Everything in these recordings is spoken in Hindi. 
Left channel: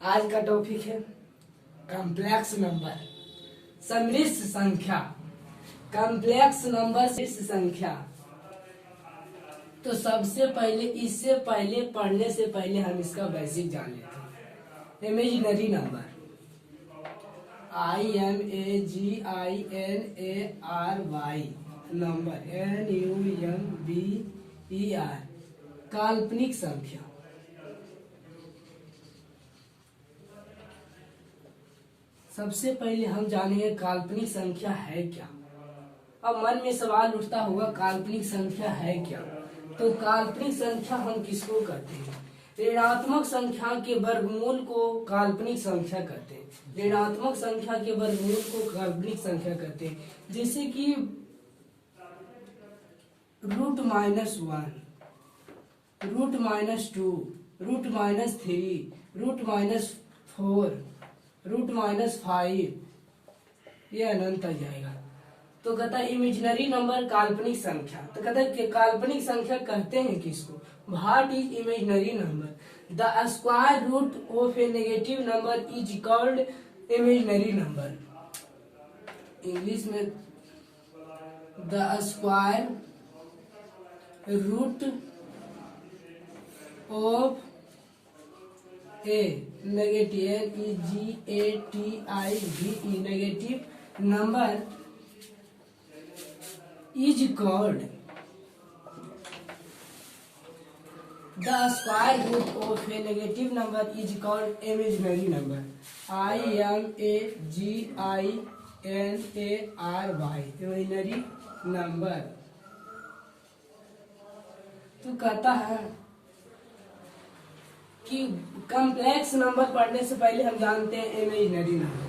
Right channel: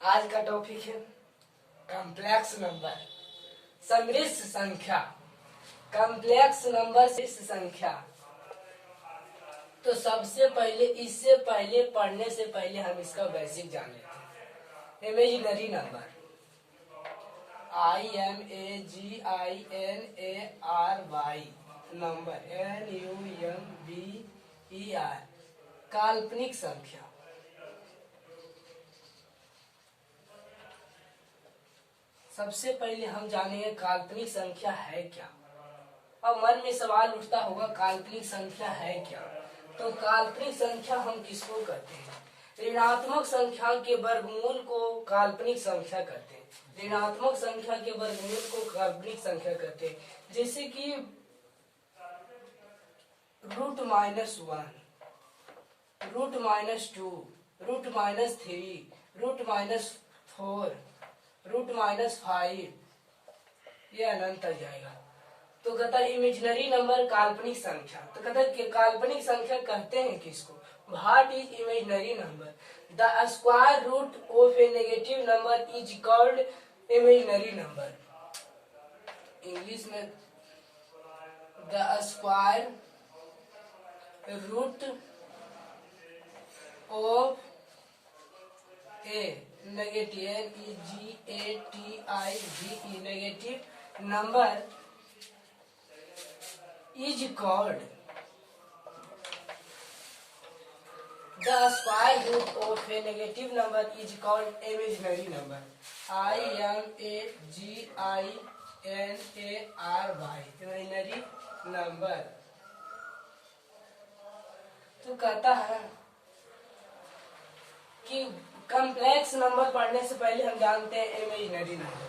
आज का टॉपिक है कॉम्प्लेक्स नंबर, सम्मिश्र संख्या। कॉम्प्लेक्स नंबर, सम्मिश्र संख्या। तो सबसे पहले, इससे पहले पढ़ने से पहले हम इसका बेसिक जान लेते हैं। Imaginary number, IMAGINARY number, NUMBER, काल्पनिक संख्या। सबसे पहले हम जानेंगे काल्पनिक संख्या है क्या। अब मन में सवाल उठता होगा काल्पनिक संख्या है क्या। तो काल्पनिक संख्या हम किसको कहते हैं? ऋणात्मक संख्या के वर्गमूल को काल्पनिक संख्या कहते हैं। ऋणात्मक संख्या के वर्गमूल को काल्पनिक संख्या कहते हैं। जैसे कि √-1, √-2, √-3, √-4, √-5, ये अनंत आ जाएगा। तो कहता है इमेजिनरी नंबर, काल्पनिक संख्या। तो कहता है कि काल्पनिक संख्या कहते हैं किसको? What is imaginary number? The square root of a negative number is called imaginary number. English में the square root of a negative, NEGATIVE, negative number is called the square root of a negative number is called imaginary number. IMAGINARY, imaginary number। तो कहता है कि कॉम्प्लेक्स नंबर पढ़ने से पहले हम जानते हैं इमेजिनरी नंबर।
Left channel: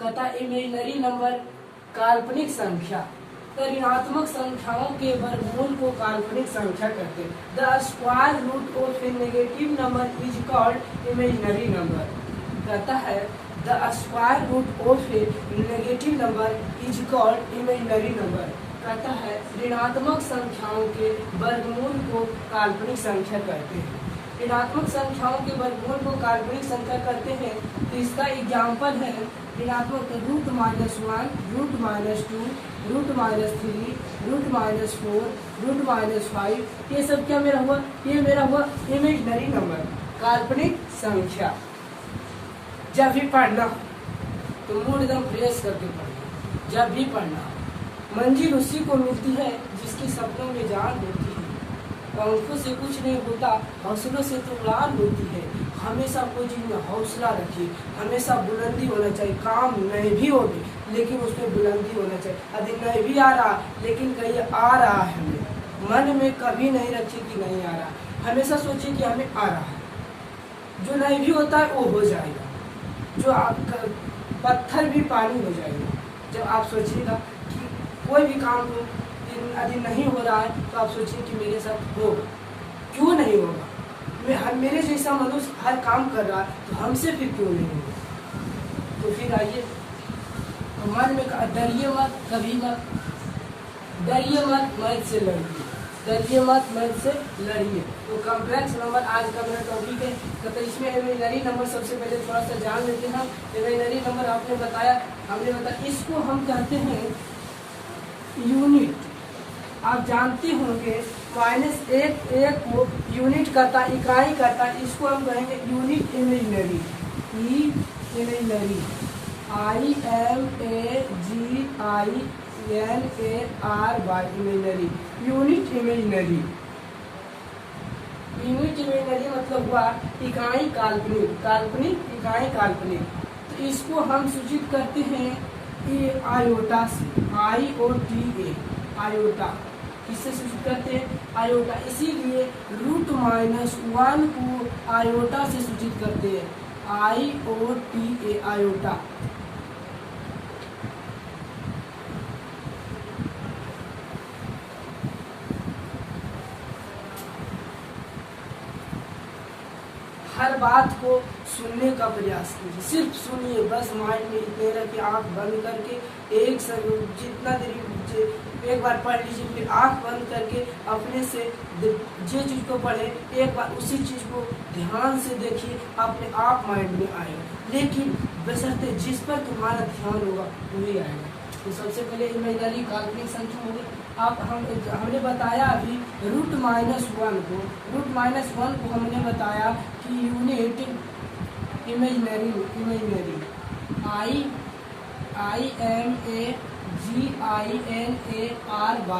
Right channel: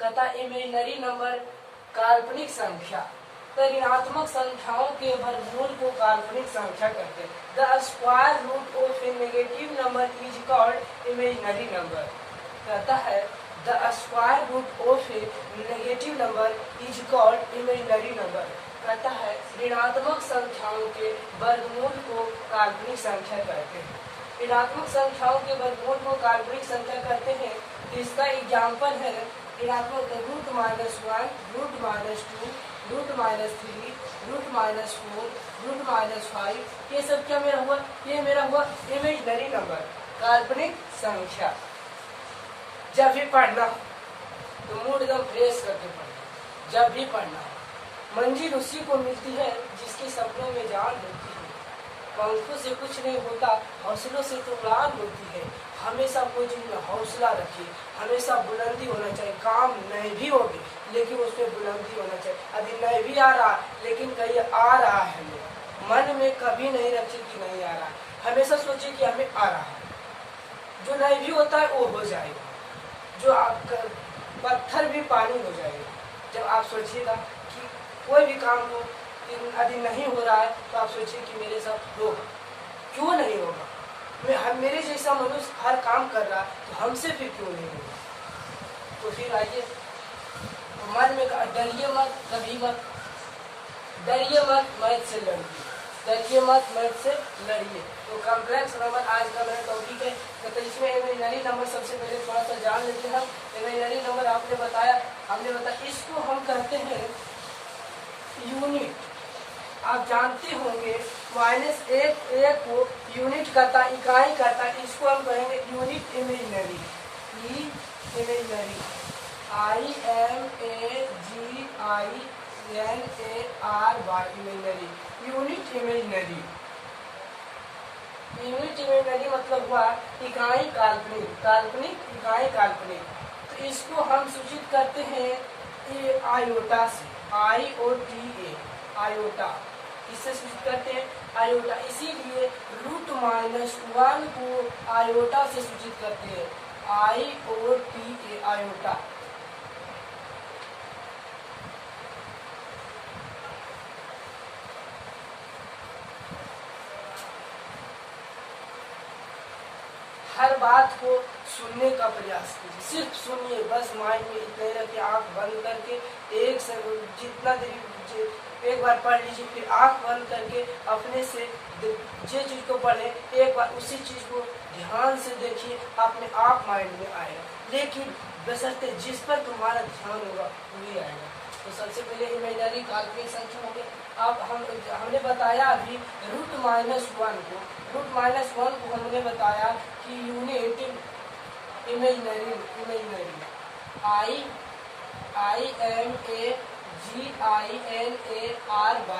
कहता है इमेजिनरी नंबर काल्पनिक संख्या। ऋणात्मक संख्याओं के वर्गमूल को काल्पनिक संख्या कहते हैं। The square root of a negative number is called imaginary number. कहता है the square root of a negative number is called imaginary number. कहता है ऋणात्मक संख्याओं के वर्गमूल को काल्पनिक संख्या कहते हैं। ऋणात्मक संख्याओं के वर्गमूल को काल्पनिक संख्या कहते हैं। तो इसका एग्जाम्पल है ऋणात्मक √-1, √-2, √-3, √-4, √-5। ये सब क्या मेरा हुआ? ये मेरा हुआ इमेजिनरी नंबर, काल्पनिक संख्या। जब भी पढ़ना तो मूड एकदम फ्रेश करके पढ़ना। जब भी पढ़ना, मंजिल उसी को मिलती है जिसके सपनों में जान होती है। पंखों से कुछ नहीं होता, हौसलों से तो उड़ान होती है। हमेशा कोई चीज में हौसला रखिए, हमेशा बुलंदी होना चाहिए। काम नहीं भी होगी लेकिन उसमें बुलंदी होना चाहिए। यदि नहीं भी आ रहा लेकिन कहीं आ रहा है, हमें मन में कभी नहीं रखिए कि नहीं आ रहा। हमेशा सोचिए कि हमें आ रहा है। जो नहीं भी होता है वो हो जाएगा। जो आपका पत्थर भी पानी हो जाएगा। जब आप सोचिएगा कि कोई भी काम हो, यदि नहीं हो रहा है तो आप सोचिए कि मेरे साथ होगा। क्यों नहीं होगा? मेरे जैसा मनुष्य हर काम कर रहा है तो हमसे फिर क्यों नहीं होगा? तो फिर आइए, मन में डरिए मत, कभी मत डरिए मत, मैथ से लड़िए। डरिए मत, मैथ से लड़िए। तो कॉम्प्लेक्स नंबर आज का मेरा टॉपिक है। तो इसमें इमेजिनरी नंबर सबसे पहले थोड़ा सा जान लेते हैं। इमेजिनरी नंबर हमने बताया, इसको हम कहते हैं यूनिट। आप जानते होंगे -1 को यूनिट करता, इकाई करता, इसको हम कहेंगे unit imaginary. Imaginary, IMAGINARY, imaginary, unit imaginary. Unit imaginary मतलब हुआ इकाई काल्पनिक, काल्पनिक इकाई काल्पनिक। तो इसको हम सूचित करते हैं आयोटा से, IOTA, आयोटा। किससे सूचित करते हैं? आयोटा। इसीलिए √-1 को आयोटा से सूचित करते हैं, IOTA, आयोटा। हर बात को सुनने का प्रयास कीजिए, सिर्फ सुनिए बस। माइंड में इतने रखिए, आंख बंद करके एक जितना देर एक बार पढ़ लीजिए, फिर आंख बंद करके अपने से जो चीज को पढ़े एक बार उसी चीज को ध्यान से देखिए, अपने आप माइंड में आएगा। लेकिन बशर्ते जिस पर तुम्हारा ध्यान होगा वही आएगा। तो सबसे पहले इमेजिनरी काल्पनिक संख्या हो गई। अब हमने बताया अभी √-1 को हमने बताया कि unit imaginary IMAGINAR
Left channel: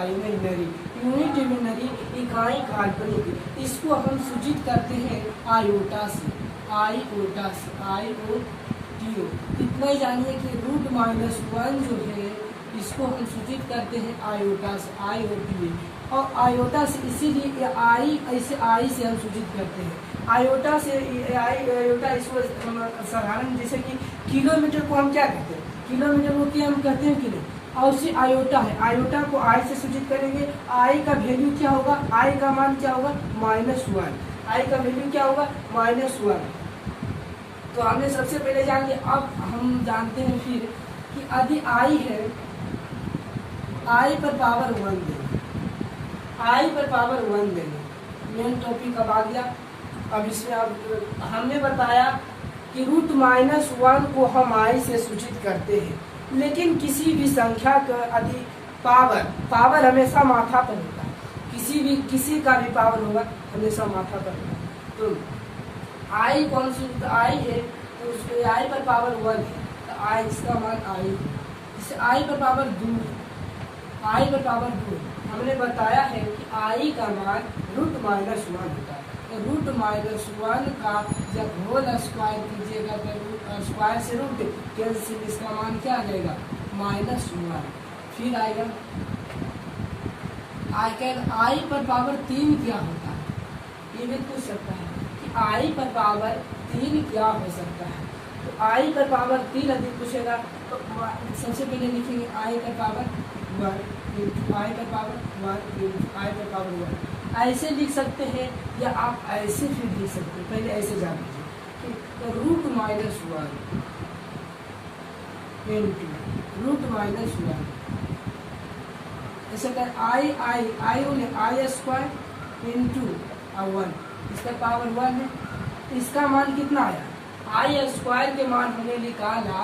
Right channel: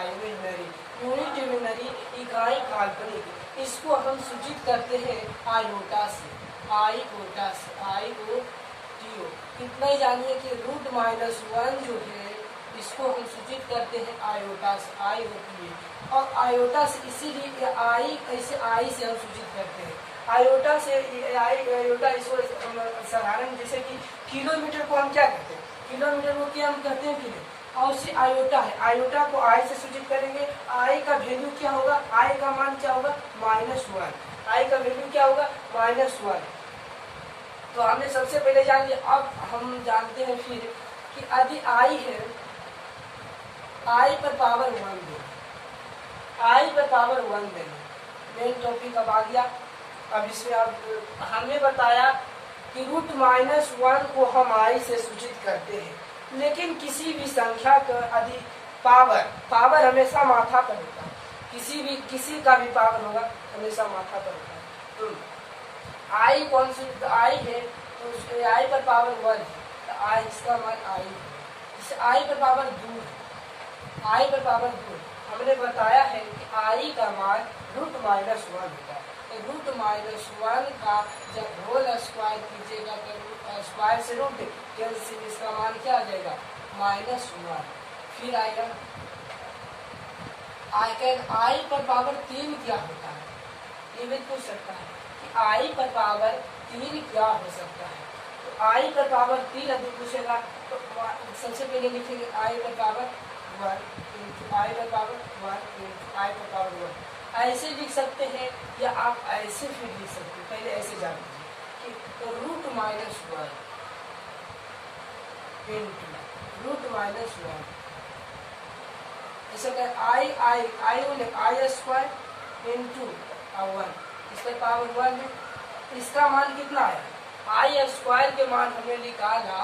imaginary unit imaginary इकाई काल्पनिक। इसको हम सूचित करते हैं आयोटा से, IOTO। इतना ही जानिए कि √-1 जो है इसको हम सूचित करते हैं आयोटा से, IOTA। और आयोटा से इसीलिए आई से हम सूचित करते हैं। आयोटा से आयोटा इसको साधारण जैसे कि किलोमीटर को हम क्या कहते हैं, किलोमीटर को क्या हम कहते हैं किलो, और उसी आयोटा है, आयोटा को आई से सूचित करेंगे। आई का वैल्यू क्या होगा, आई का मान क्या होगा -1, आई का वैल्यू क्या होगा -1। तो हमने सबसे पहले जान लिया। अब हम जानते हैं फिर कि यदि आई है, आई पर पावर 1 देंगे, आई पर पावर 1 देंगे। मेन टॉपिक अब आ गया। अब इसमें अब हमने बताया कि √-1 को हम आई से सूचित करते हैं, लेकिन किसी भी संख्या का यदि पावर हमेशा माथा पर होता है, किसी का भी पावर होगा हमेशा माथा पर होगा। तो आई कौन सी, आई है तो उसके आई पर पावर 1 है, तो आई इसका मान आई, इसे आई पर पावर 2, आई पर पावर 2। हमने बताया है कि आई का मान √-1 होता है। तो √-1 का जब होल स्क्वायर कीजिएगा तो स्क्वायर से रूट कैंसिल, इसका मान क्या आ जाएगा -1। फिर आएगा आई पर पावर 3 क्या होता है, ये भी पूछ सकता है कि आई पर पावर 3 क्या हो सकता है। तो आई पर पावर 3 यदि पूछेगा तो सबसे पहले लिखेंगे आई पर पावर 1, आई पर पावर 1, आई पर पावर 1। ऐसे लिख सकते हैं या आप ऐसे फिर लिख सकते हैं। पहले ऐसे जान लीजिए कि तो √-1 इंटू √-1 ऐसे कर आई स्क्वायर इंटू 1, इसका पावर 1 है। इसका मान कितना आया, आई स्क्वायर के मान हमने निकाला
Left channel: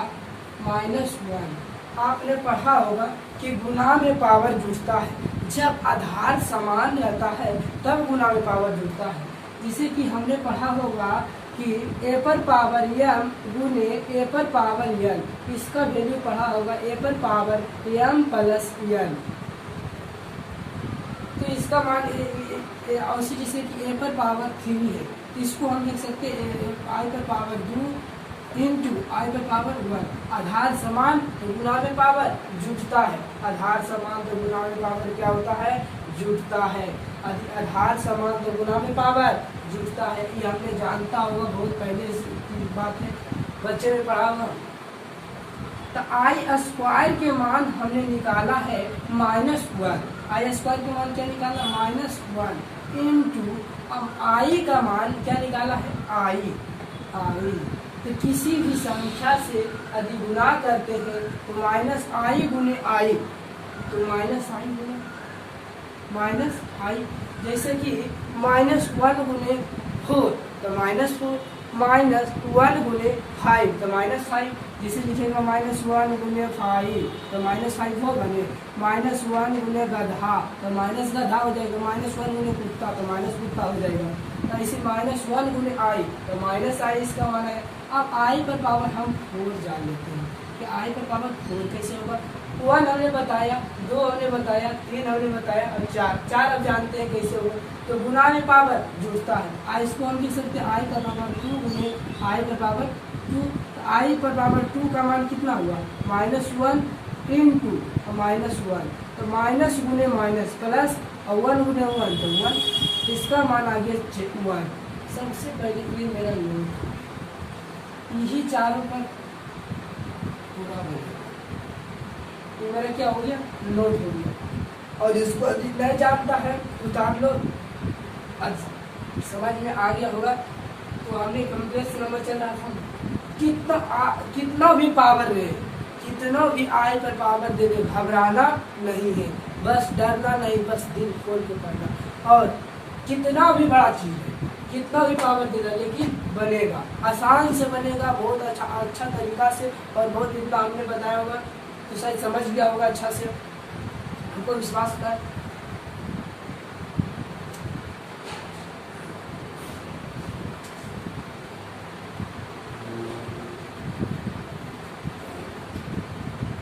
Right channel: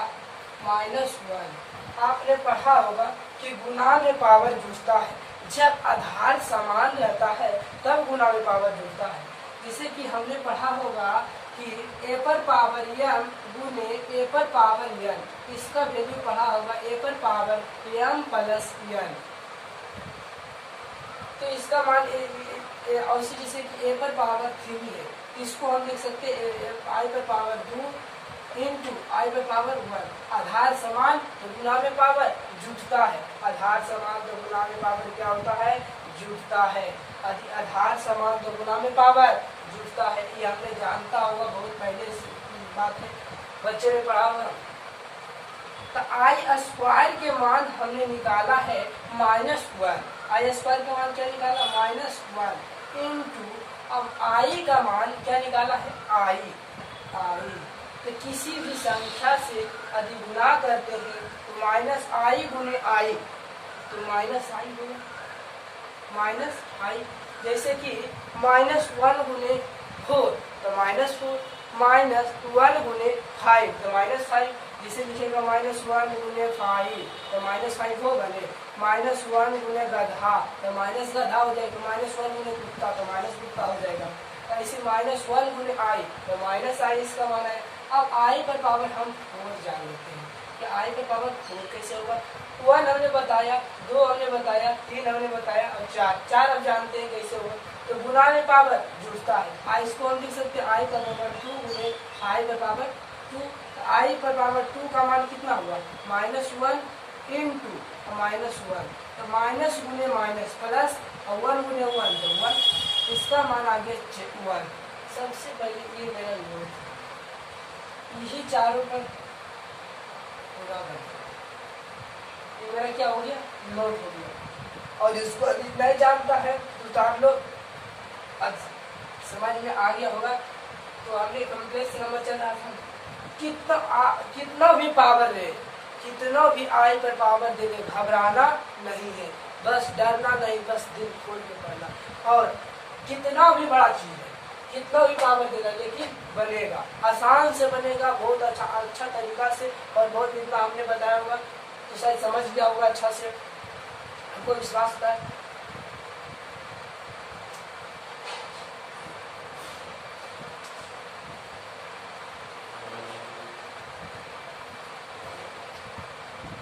-1। आपने पढ़ा होगा कि गुना में पावर जुड़ता है, जब आधार समान रहता है तब गुना में पावर जुड़ता है। जैसे कि हमने पढ़ा होगा कि a पर पावर m गुने a पर पावर n, इसका वैल्यू पढ़ा होगा a पर पावर m प्लस n। तो इसका मान और जैसे कि a पर पावर 3 है, इसको हम लिख सकते हैं आई पर पावर 2 इंटू आई पर पावर 1। आधार समान तो गुना में पावर जुटता है, आधार समान तो गुना में पावर क्या होता है, जुटता है। आधार समान तो गुना में पावर जुटता है, ये हमने जानता होगा, बहुत पहले की बात है, बच्चे में पढ़ा होगा। तो आई स्क्वायर के मान हमने निकाला है -1, आई स्क्वायर का मान क्या निकाला -1 इंटू अब आई का मान क्या निकाला है आई। तो किसी भी संख्या से यदि गुना करते हैं तो -i गुने आई, तो -i गुने -i। जैसे कि -1 गुने 4 तो -4, -1 गुने 5 तो -5। जिसे लिखेगा -1 गुने 5 तो -5 हो बने, -1 गुने गधा तो गधा हो जाएगा, -1 गुने कुत्ता तो कुत्ता हो जाएगा। तो इसे -1 गुने आई तो -i इसका मान है। अब आई पर पावर हम 4 जान लेते हैं कि आई पर पावर 4 कैसे होगा। 1 हमने बताया, 2 हमने बताया, 3 हमने बताया और 4 अब जानते हैं कैसे होगा। तो गुना में पावर जुड़ता है, आई इसको हम लिख सकते हैं आई का पावर 2 गुने आई पर पावर 2। आई पर पावर 2 का मान कितना हुआ -1 इंटू -1, तो माइनस गुने माइनस प्लस और 1 गुने 1 तो 1, इसका मान आ गया 1। सबसे पहले ये मेरा नोट, यही चारों पर पूरा हो गया, ये मेरा क्या हो गया नोट हो गया। और इसको नहीं जानता है उतार लो, समझ में आ गया होगा। तो हमने कम्प्लेक्स नंबर चल रहा था, कितना भी पावर रहे, कितना भी आई पर पावर दे दे, घबराना नहीं है। बस डरना नहीं, बस दिल खोल के पढ़ना। और कितना भी बड़ा चीज है, कितना भी पावर देगा, लेकिन बनेगा, आसान से बनेगा, बहुत अच्छा तरीका से। और बहुत इतना हमने बताया होगा तो शायद समझ गया होगा अच्छा से, हमको विश्वास था।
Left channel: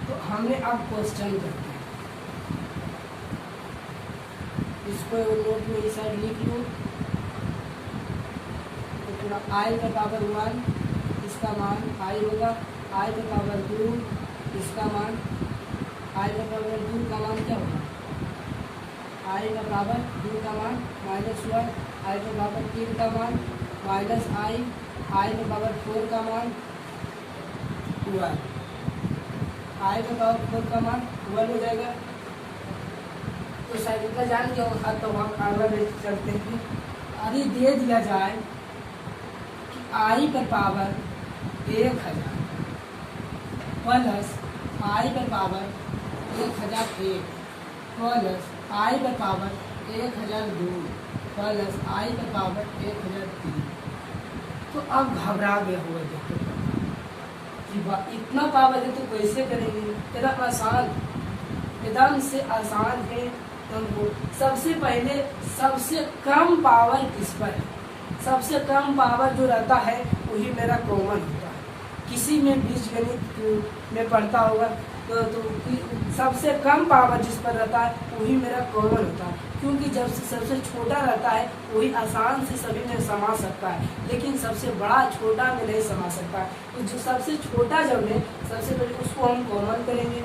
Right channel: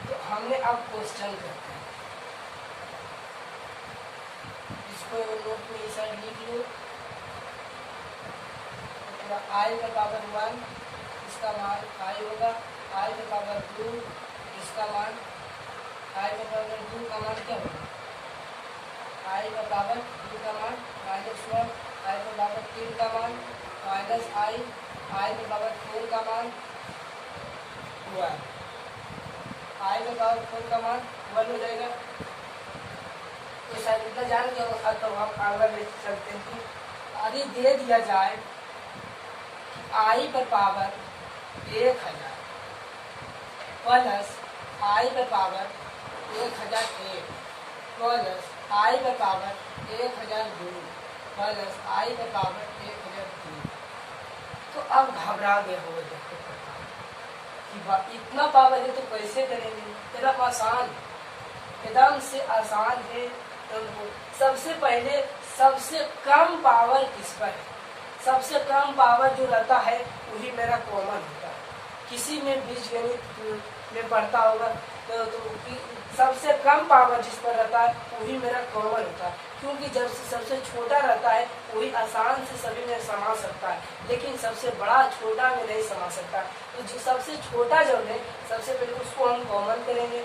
तो हमने अब क्वेश्चन करते हैं, इसको नोट में इस साइड लिख लो। तो पूरा आई का पावर 1, इसका मान आई होगा, आई का पावर 2, इसका मान आई का पावर 2 का मान क्या होगा, आई का पावर 2 का मान -1, आई का पावर 3 का मान माइनस आई का पावर 4 का मान 1, आई का पावर 4 का मान 1 हो जाएगा। तो शायद इतना जान लिया होगा। तो हम आगे ले चलते हैं कि यदि दे दिया जाए कि आई का पावर 1000 प्लस आई का पावर 1001 प्लस आई का पावर 1002 प्लस आई का पावर 1003। तो अब घबरा गए हो देखो कि इतना पावर है तो कैसे करेंगे, एकदम आसान, एकदम से आसान है। तो सबसे पहले सबसे कम पावर किस पर है, सबसे कम पावर जो रहता है वही मेरा कॉमन होता है। किसी में बीजगणित में पढ़ता होगा तो सबसे कम पावर जिस पर रहता है वही मेरा कॉमन होता है, क्योंकि जब सबसे छोटा रहता है वही आसान से सभी में समा सकता है, लेकिन सबसे बड़ा छोटा में नहीं समा सकता। तो जो सबसे छोटा जो है सबसे पहले उसको हम कॉमन करेंगे।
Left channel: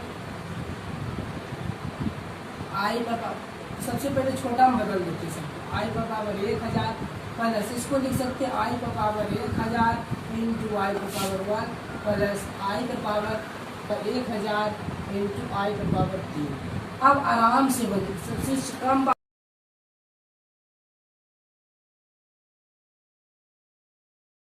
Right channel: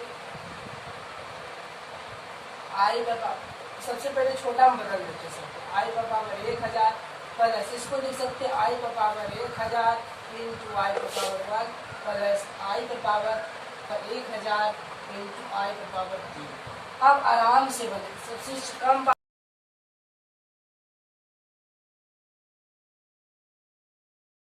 आई का पावर सबसे पहले छोटा हम बदल देते हैं, आई का पावर 1000 प्लस इसको लिख सकते हैं आई का पावर 1000 इंटू आई का पावर 1 प्लस आई का पावर 1000 इंटू आई का पावर 3। अब आराम से बदल, सबसे कम